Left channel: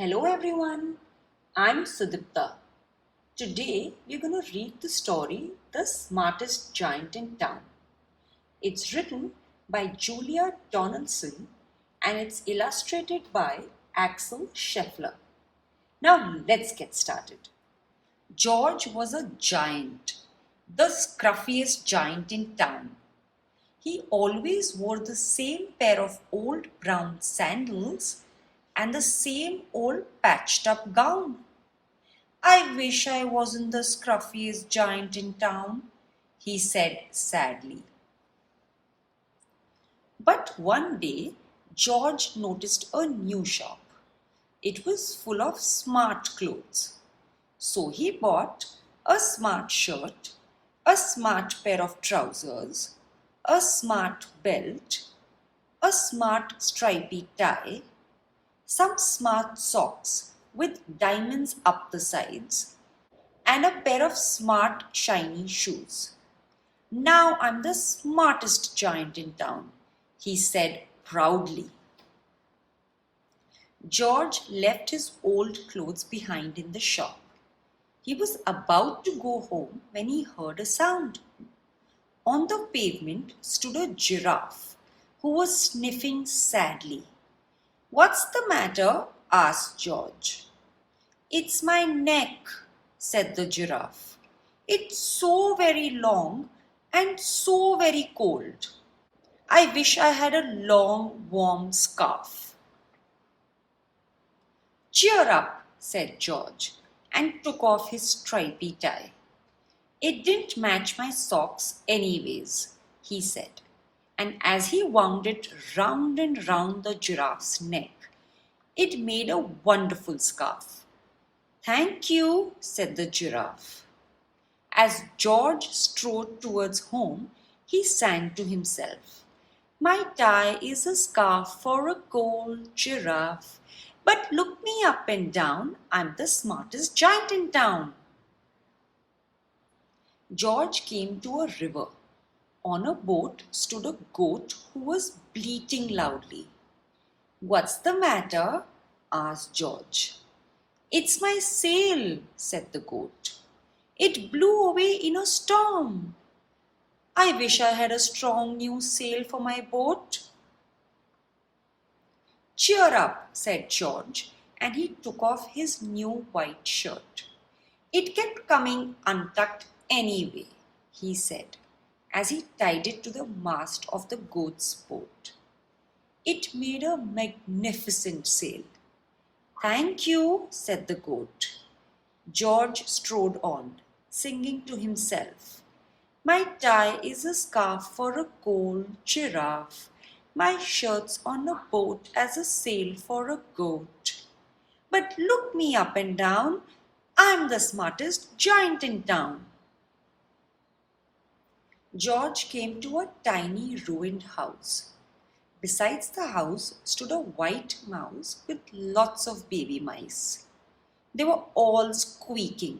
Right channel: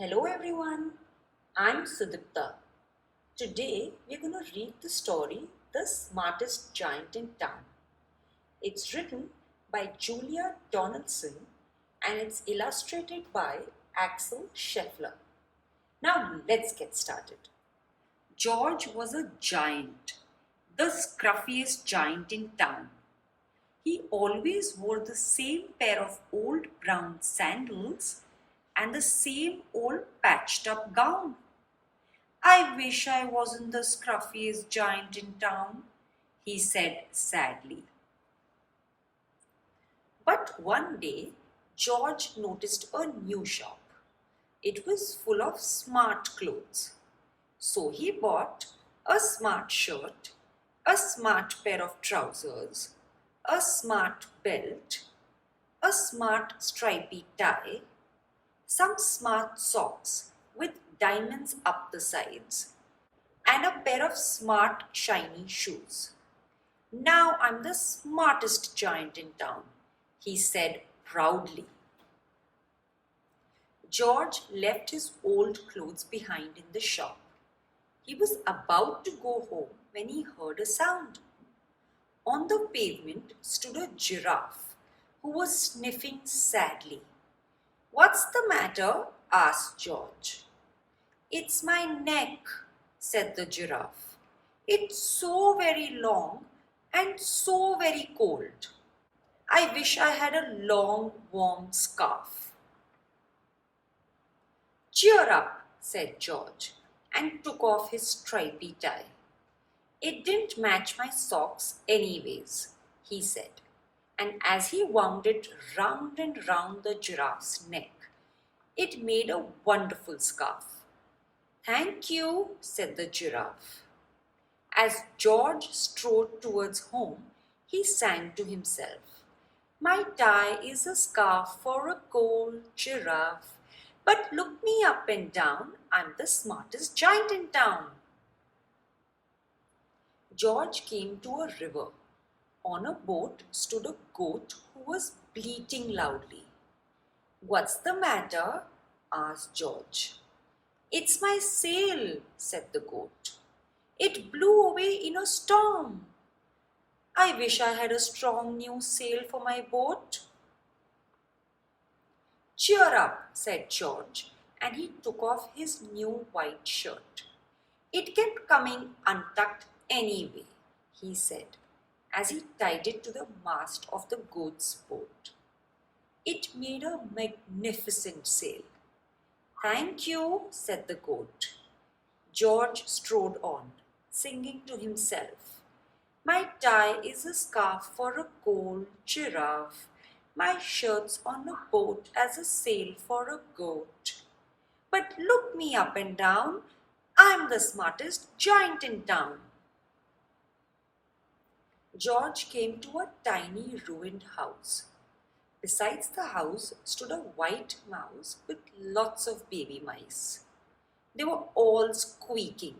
Hello everyone, I'm Sudipta. Today we're going to read the story The Smartest Giant in Town. It's written by Julia Donaldson and it's illustrated by Axel Scheffler. Now let's get started. George was a giant, the scruffiest giant in town. He always wore the same pair of old brown sandals and the same old patched up gown. I wish I wasn't the scruffiest giant in town, he said sadly. But one day, George noticed a new shop. It was full of smart clothes. So he bought a smart shirt, a smart pair of trousers, a smart belt, a smart stripy tie, some smart socks with diamonds up the sides, and a pair of smart shiny shoes. Now I'm the smartest giant in town, he said proudly. George left his old clothes behind in the shop. He was about to go home when he heard a sound. On the pavement stood a giraffe who was sniffing sadly. "What's the matter?" asked George. "It's my neck," said the giraffe. "It's so very long and so very cold. I wish I had a long, warm scarf." "Cheer up," said George, and took off his stripy tie. "It didn't match my socks anyways," he said. And as he wound it round and round the giraffe's neck, it made a wonderful scarf. "Thank you," said the giraffe. As George strode towards home, he sang to himself, "My tie is a scarf for a gold giraffe, but look me up and down, I'm the smartest giant in town." George came to a river. On a boat stood a goat who was bleating loudly. "What's the matter?" asked George. "It's my sail," said the goat. "It blew away in a storm. I wish I had a strong new sail for my boat." "Cheer up," said George, and he took off his new white shirt. "It kept coming untucked anyway," he said, as he tied it to the mast of the goat's boat. It made a magnificent sail. "Thank you," said the goat. George strode on, singing to himself, "My tie is a scarf for a gold giraffe. My shirt's on a boat as a sail for a goat. But look me up and down, I'm the smartest giant in town." George came to a tiny ruined house. Besides the house stood a white mouse with lots of baby mice. They were all squeaking.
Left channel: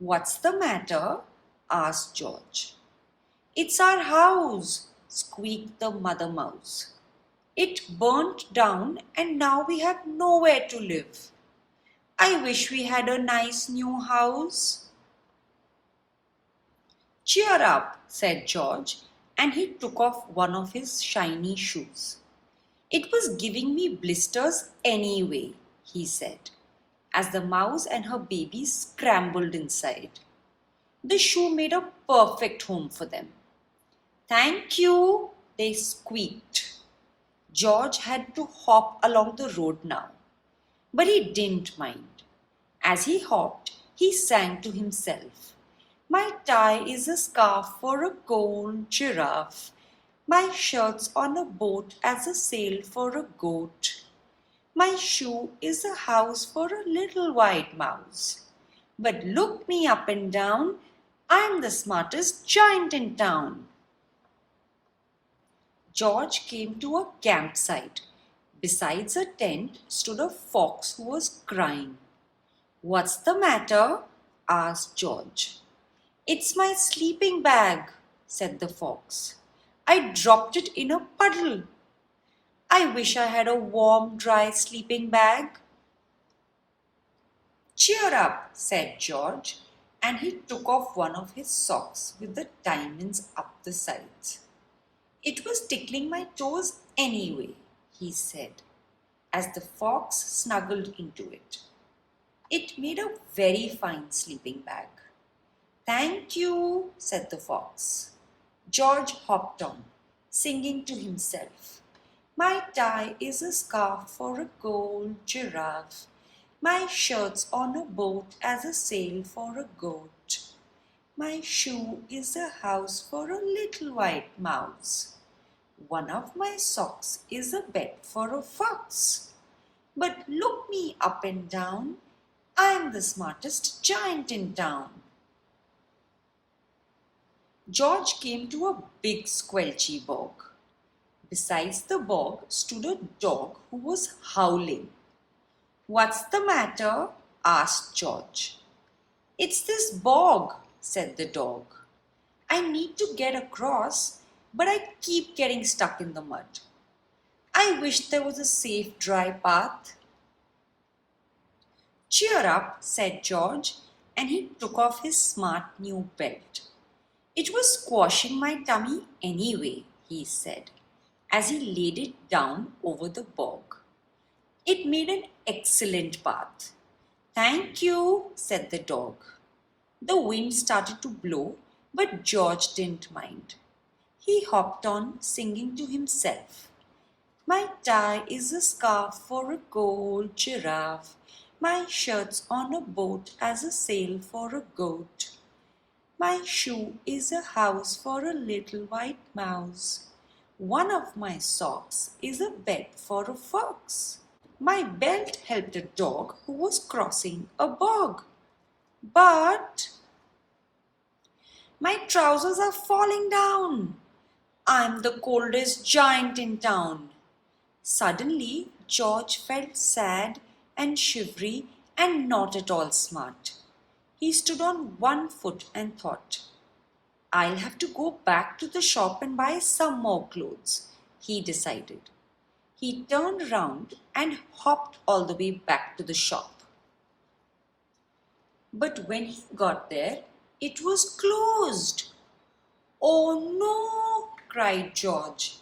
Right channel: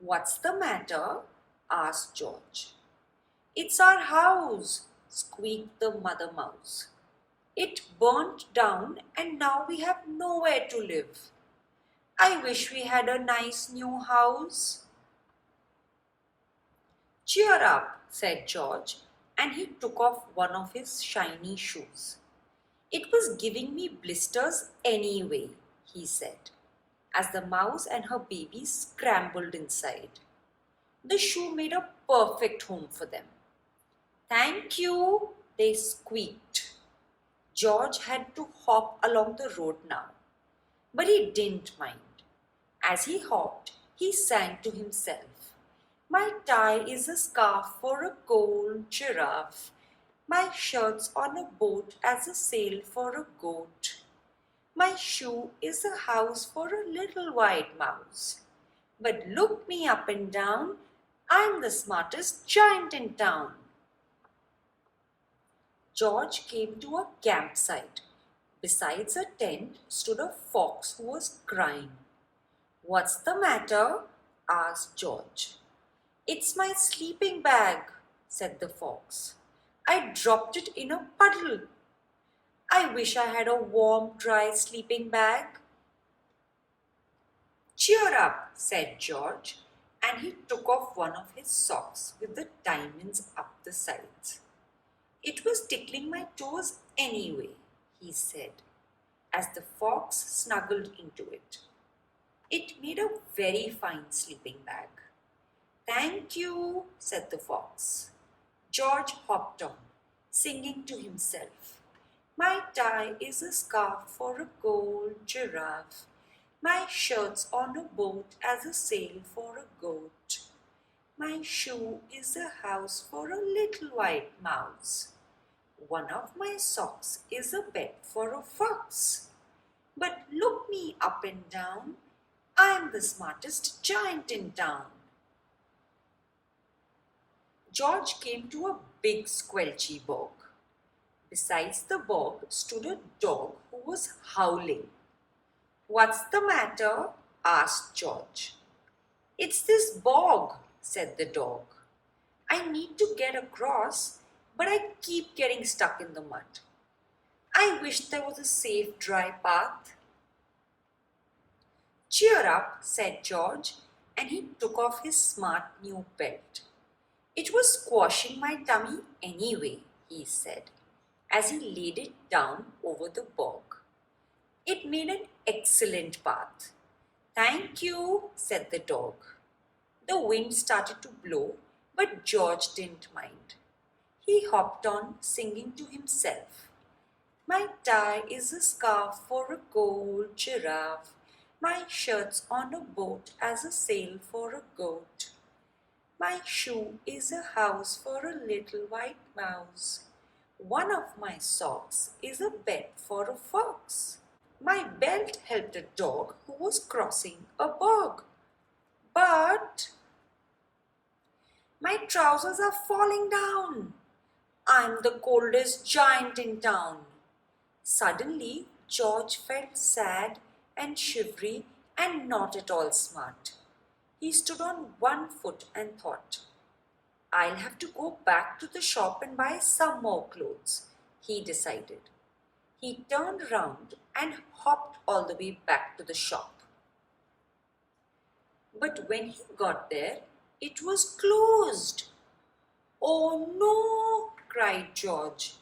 "What's the matter?" asked George. "It's our house," squeaked the mother mouse. "It burnt down and now we have nowhere to live. I wish we had a nice new house." "Cheer up," said George, and he took off one of his shiny shoes. "It was giving me blisters anyway," he said, as the mouse and her babies scrambled inside. The shoe made a perfect home for them. "Thank you," they squeaked. George had to hop along the road now, but he didn't mind. As he hopped, he sang to himself, "My tie is a scarf for a gold giraffe. My shirt's on a boat as a sail for a goat. My shoe is a house for a little white mouse. But look me up and down, I'm the smartest giant in town." George came to a campsite. Besides a tent stood a fox who was crying. "What's the matter?" asked George. "It's my sleeping bag," said the fox. "I dropped it in a puddle. I wish I had a warm, dry sleeping bag." Cheer up, said George, and he took off one of his socks with the diamonds up the sides. It was tickling my toes anyway, he said, as the fox snuggled into it. It made a very fine sleeping bag. Thank you, said the fox. George hopped on, singing to himself. My tie is a scarf for a gold giraffe. My shirt's on a boat as a sail for a goat. My shoe is a house for a little white mouse. One of my socks is a bed for a fox. But look me up and down, I'm the smartest giant in town. George came to a big squelchy bog. Besides the bog stood a dog who was howling. What's the matter? Asked George. It's this bog, said the dog. I need to get across, but I keep getting stuck in the mud. I wish there was a safe, dry path. Cheer up, said George, and he took off his smart new belt. It was squashing my tummy anyway, he said, as he laid it down over the bog. It made an excellent path. Thank you, said the dog. The wind started to blow, but George didn't mind. He hopped on, singing to himself. My tie is a scarf for a gold giraffe. My shirt's on a boat as a sail for a goat. My shoe is a house for a little white mouse. One of my socks is a bed for a fox. My belt helped a dog who was crossing a bog. But my trousers are falling down. I'm the coldest giant in town. Suddenly, George felt sad and shivery and not at all smart. He stood on one foot and thought, I'll have to go back to the shop and buy some more clothes, he decided. He turned round and hopped all the way back to the shop. But when he got there, it was closed. Oh no, cried George.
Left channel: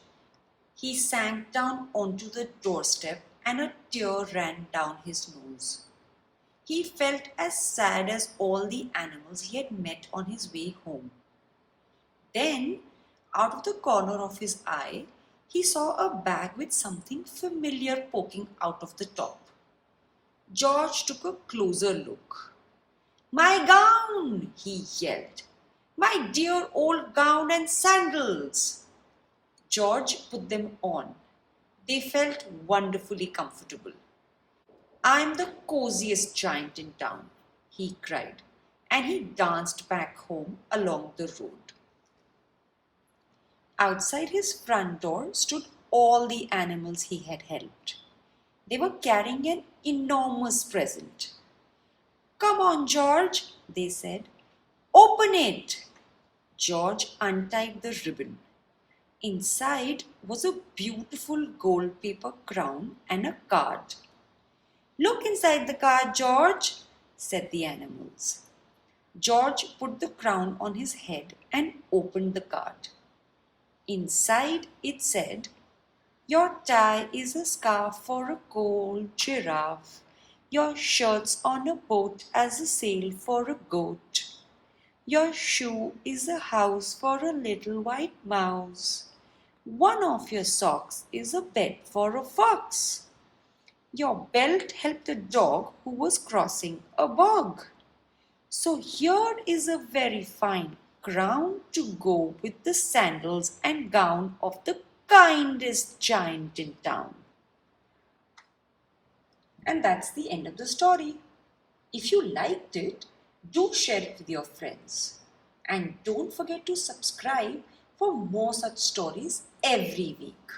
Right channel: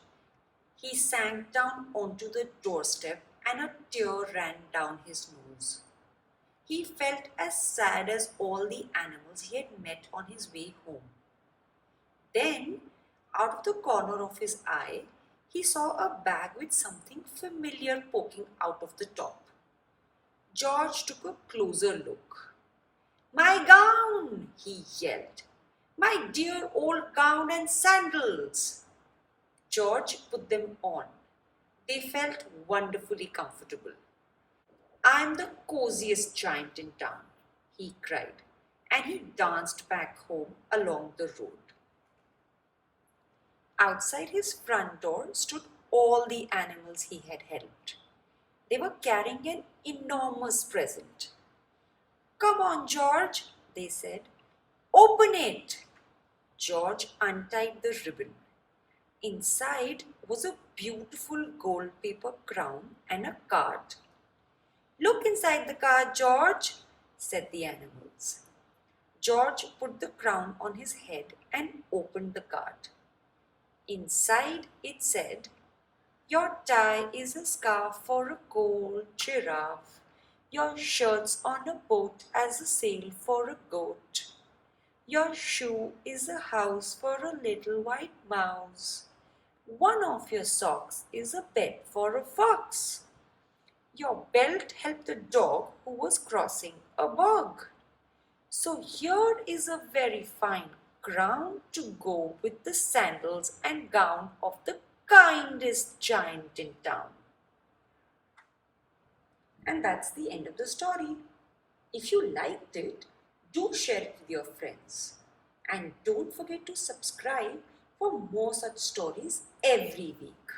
He sank down onto the doorstep and a tear ran down his nose. He felt as sad as all the animals he had met on his way home. Then, out of the corner of his eye, he saw a bag with something familiar poking out of the top. George took a closer look. My gown, he yelled. My dear old gown and sandals. George put them on. They felt wonderfully comfortable. I'm the coziest giant in town, he cried, and he danced back home along the road. Outside his front door stood all the animals he had helped. They were carrying an enormous present. Come on, George, they said. Open it. George untied the ribbon. Inside was a beautiful gold paper crown and a card. Look inside the card, George, said the animals. George put the crown on his head and opened the card. Inside it said, Your tie is a scarf for a gold giraffe. Your shirt's on a boat as a sail for a goat. Your shoe is a house for a little white mouse. One of your socks is a bed for a fox. Your belt helped a dog who was crossing a bog. So here is a very fine crown to go with the sandals and gown of the kindest giant in town. And that's the end of the story. If you liked it, do share it with your friends. And don't forget to subscribe for more such stories every week.